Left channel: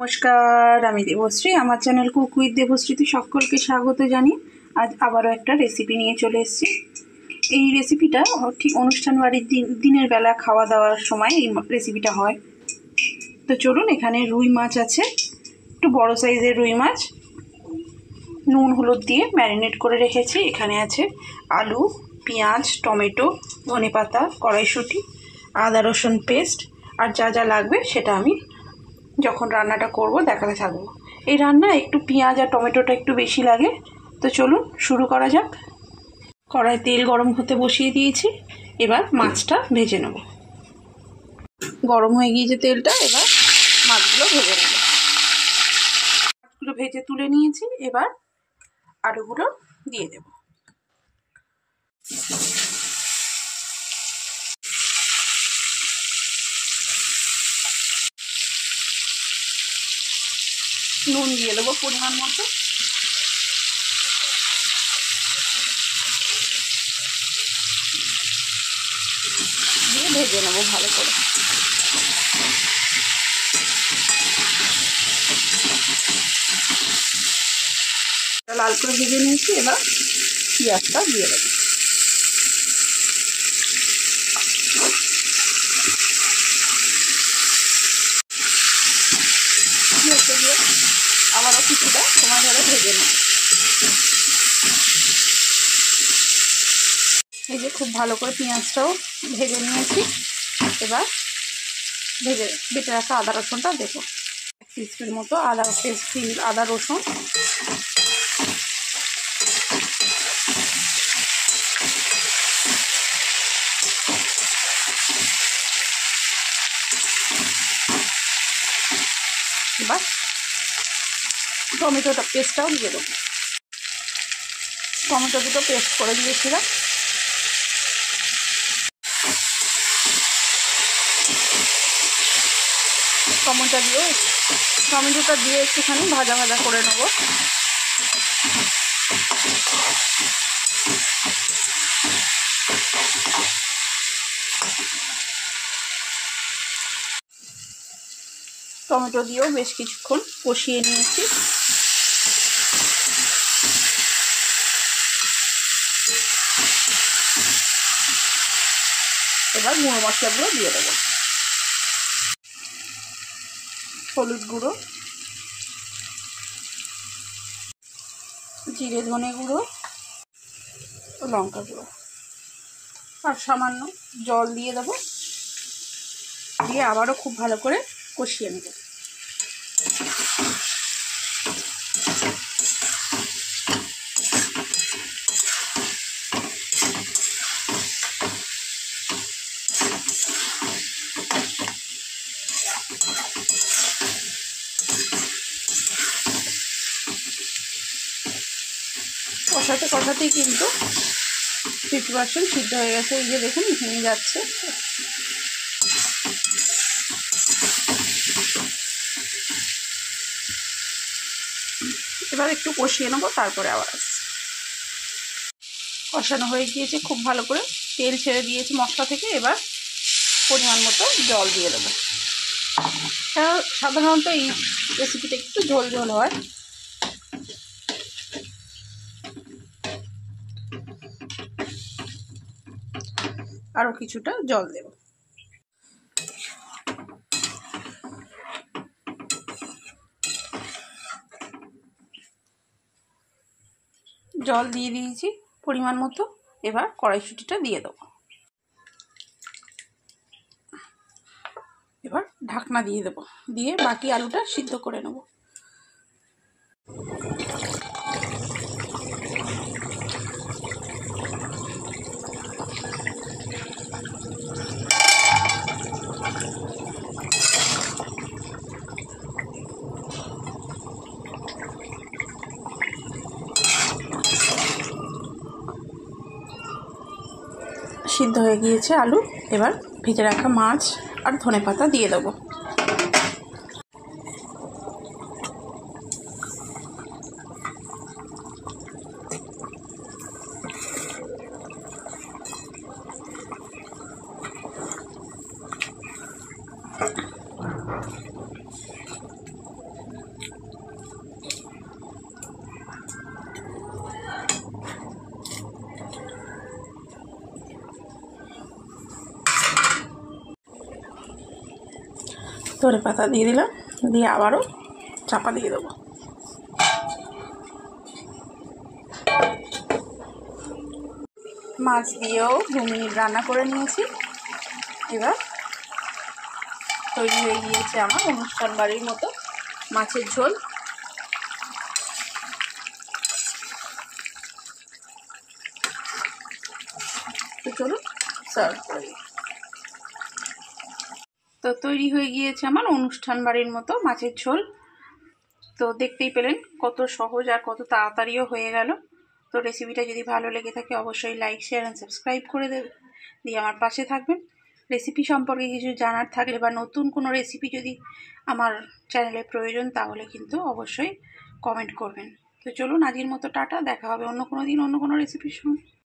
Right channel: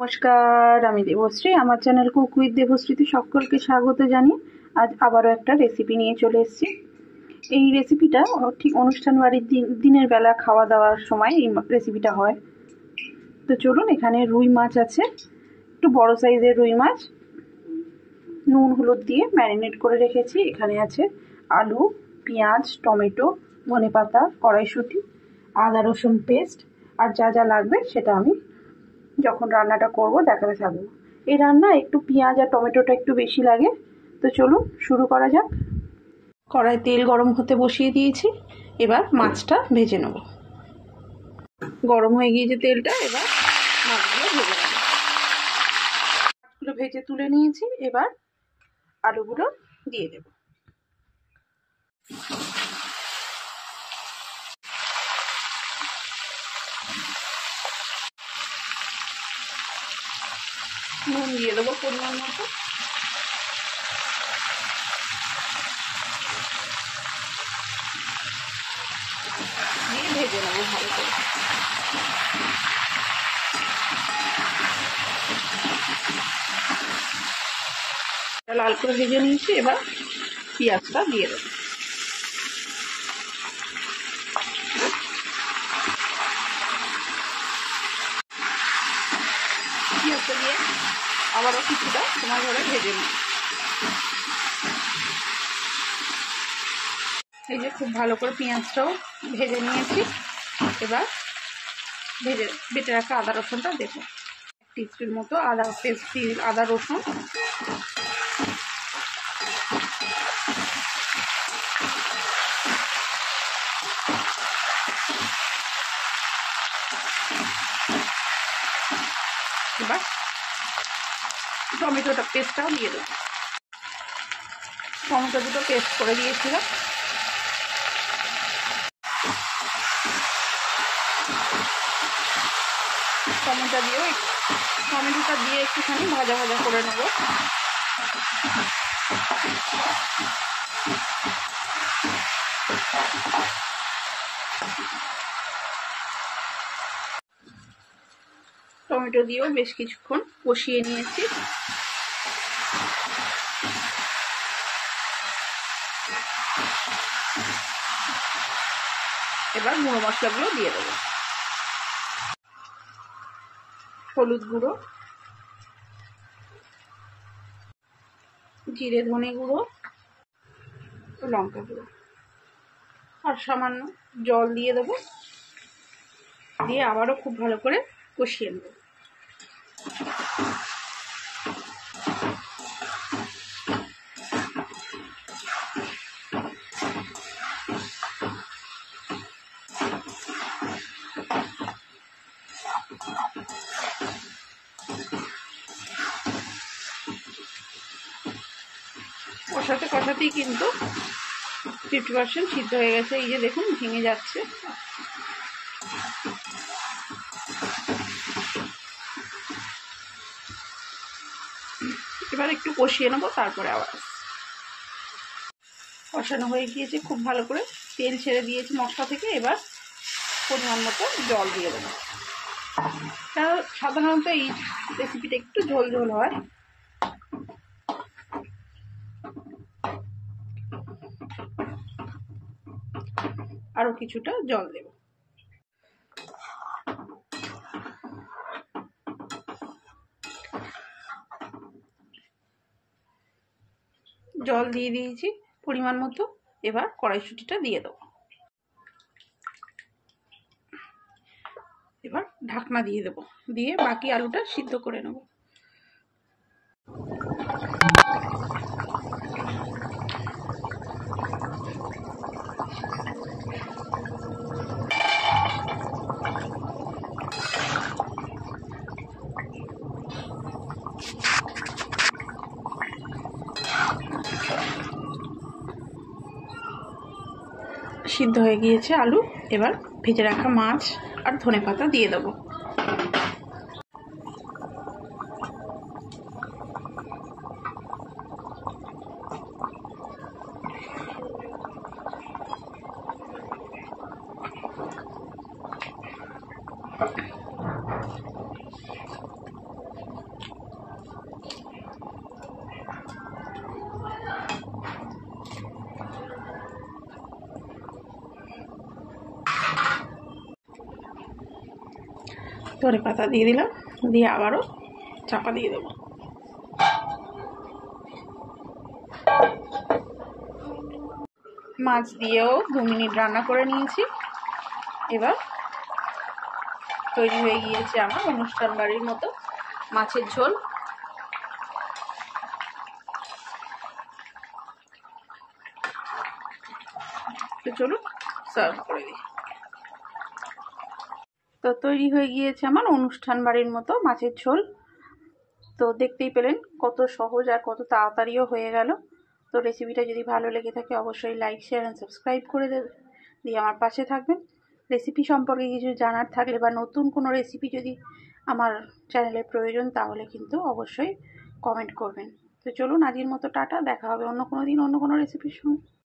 নমস্কার, আমি দেবশ্রী। আমার চ্যানেল কুক উইথ দেবশ্রীতে সকলকে স্বাগত জানিয়ে আজ আবারও একটা রেসিপি নিয়ে চলে এসেছি। এই রেসিপিটা ঠিক অনুষ্ঠান বাড়ির দিনের বেলা খাওয়া দাওয়ার সময় এই রেসিপিটা হয়। তো চলুন, এখানে রুই মাছ আছে, একটু বড় সাইজের রুই মাছ, নুন হলুদ দিয়ে ম্যারিনেট করে রেখেছি। এখানে আছে আলু, পেঁয়াজ, টমেটো, ধনেপাতা, কড়াইশুঁটি, আদা রসুন পেস্ট, আর যা যা লাগবে সেটা আমি যখন রান্নাটা করব দেখাতে থাকবো। এই রান্না একটু পেঁয়াজ আর টমেটোটা একটু বেশি লাগে। তো চলুন শুরু করা যাক। কড়াই তেল গরম হতে বসিয়ে দিয়েছি, এবার মাছটা ভেজে নেব। গরম হয়ে গিয়েছে তেলটা, এবার মাছগুলো ভেজে নেব। মাছগুলো ভেজে তুলে নিয়েছি, এবার আলুগুলো দিয়ে দেব। নুন দিয়ে দেবো পরিমাণ মতো। দিয়ে ভেজে নেবো ভালো করে। লাল করে ভেজে নিয়েছি, এবার পেঁয়াজটা দিয়ে দেবো। পেঁয়াজটা দিয়ে আবারও কিছুটা সময় ধরে ভেজে নেব। এই যে খুব ভালো করে পেঁয়াজটাও ভেজে নিয়েছি, এবার বেটে রাখা আদা রসুনটা দেবো। 1 টিস্পুন মতো আদা পেস্ট, আদা রসুন, এবার টমেটোটা পেস্টটাও দিয়ে দেবো। টমেটো দুটো পেস্ট করে দিয়েছিলাম। টমেটোটা দিয়ে একটুখানি ভাজা ভাজা করে নেব। টমেটো দিয়েও বেশ কিছুক্ষণ কষিয়ে নিয়েছি। এবার গুঁড়ো মশলাগুলো দিয়ে দেবো। হলুদ গুঁড়ো, জিরে ধনে গুঁড়ো, লঙ্কা গুঁড়ো, আর সামান্য জল দিয়ে দেবো। দিয়ে আবারও খুব ভালো করে কষিয়ে নেব। কষাতেই কিন্তু 50% সিদ্ধ হয়ে গেছে। এই যে দেখুন ভেঙে যাচ্ছে। এবার একটু কষিয়ে নেবো, তারপরে আবার আসছি। কষানো হয়ে গিয়েছে, খুব ভালো করে তেল ছেড়ে দিয়েছি মশলা থেকে। এবার পরিমাণ মতো জল দিয়ে দেবো। সাধারণত এই রেসিপিটা একটু ঝোল ঝোল হয়। আরও কিছুটা জল দেব। জল দিয়ে দিয়েছি পরিমাণ মতো। এবার কড়াইশুঁটিটা দিয়ে দেবো। এবার ঢাকনা দিয়ে দেবো, দিয়ে বাকি আলুটা সিদ্ধ করে নেব। সিদ্ধ হয়ে গিয়েছে আলু। এবার ভেজে রাখা মাছ আর ধনেপাতা দিয়ে দেবো। ধনে পাতা দিয়ে দিলাম, দিয়ে আবারও চাপা দিয়ে দেবো। মাছ দিয়েও 2 মিনিট রান্না করে নিয়েছি। এবার তৈরি হয়ে গিয়েছে আমার অনুষ্ঠান বাড়ির মতো মাছের ঝোল। তো চলুন সার্ভ করে দিই। তো তৈরি হয়ে গিয়েছে আমার অনুষ্ঠান বাড়ির মতো মাছের ঝোল। তো দেখতেই পেলেন কত সহজ আর কত তাড়াতাড়িও হয়ে গেল। তো রেসিপিটা যদি ভালো লেগে থাকে অবশ্যই লাইক, শেয়ার অ্যান্ড সাবস্ক্রাইব করে দিয়ে আমার পাশে থাকবেন। রেসিপি সম্পর্কে কিছু জানার থাকলে বা নতুন কোনো রেসিপি যদি আমার চ্যানেলে প্রয়োজন তাহলে কিন্তু অবশ্যই কমেন্ট করবেন। তো চলুন আজকের মতো টাটা, দেখা হবে অন্য কোনো দিন অন্য কোনো রেসিপির সঙ্গে।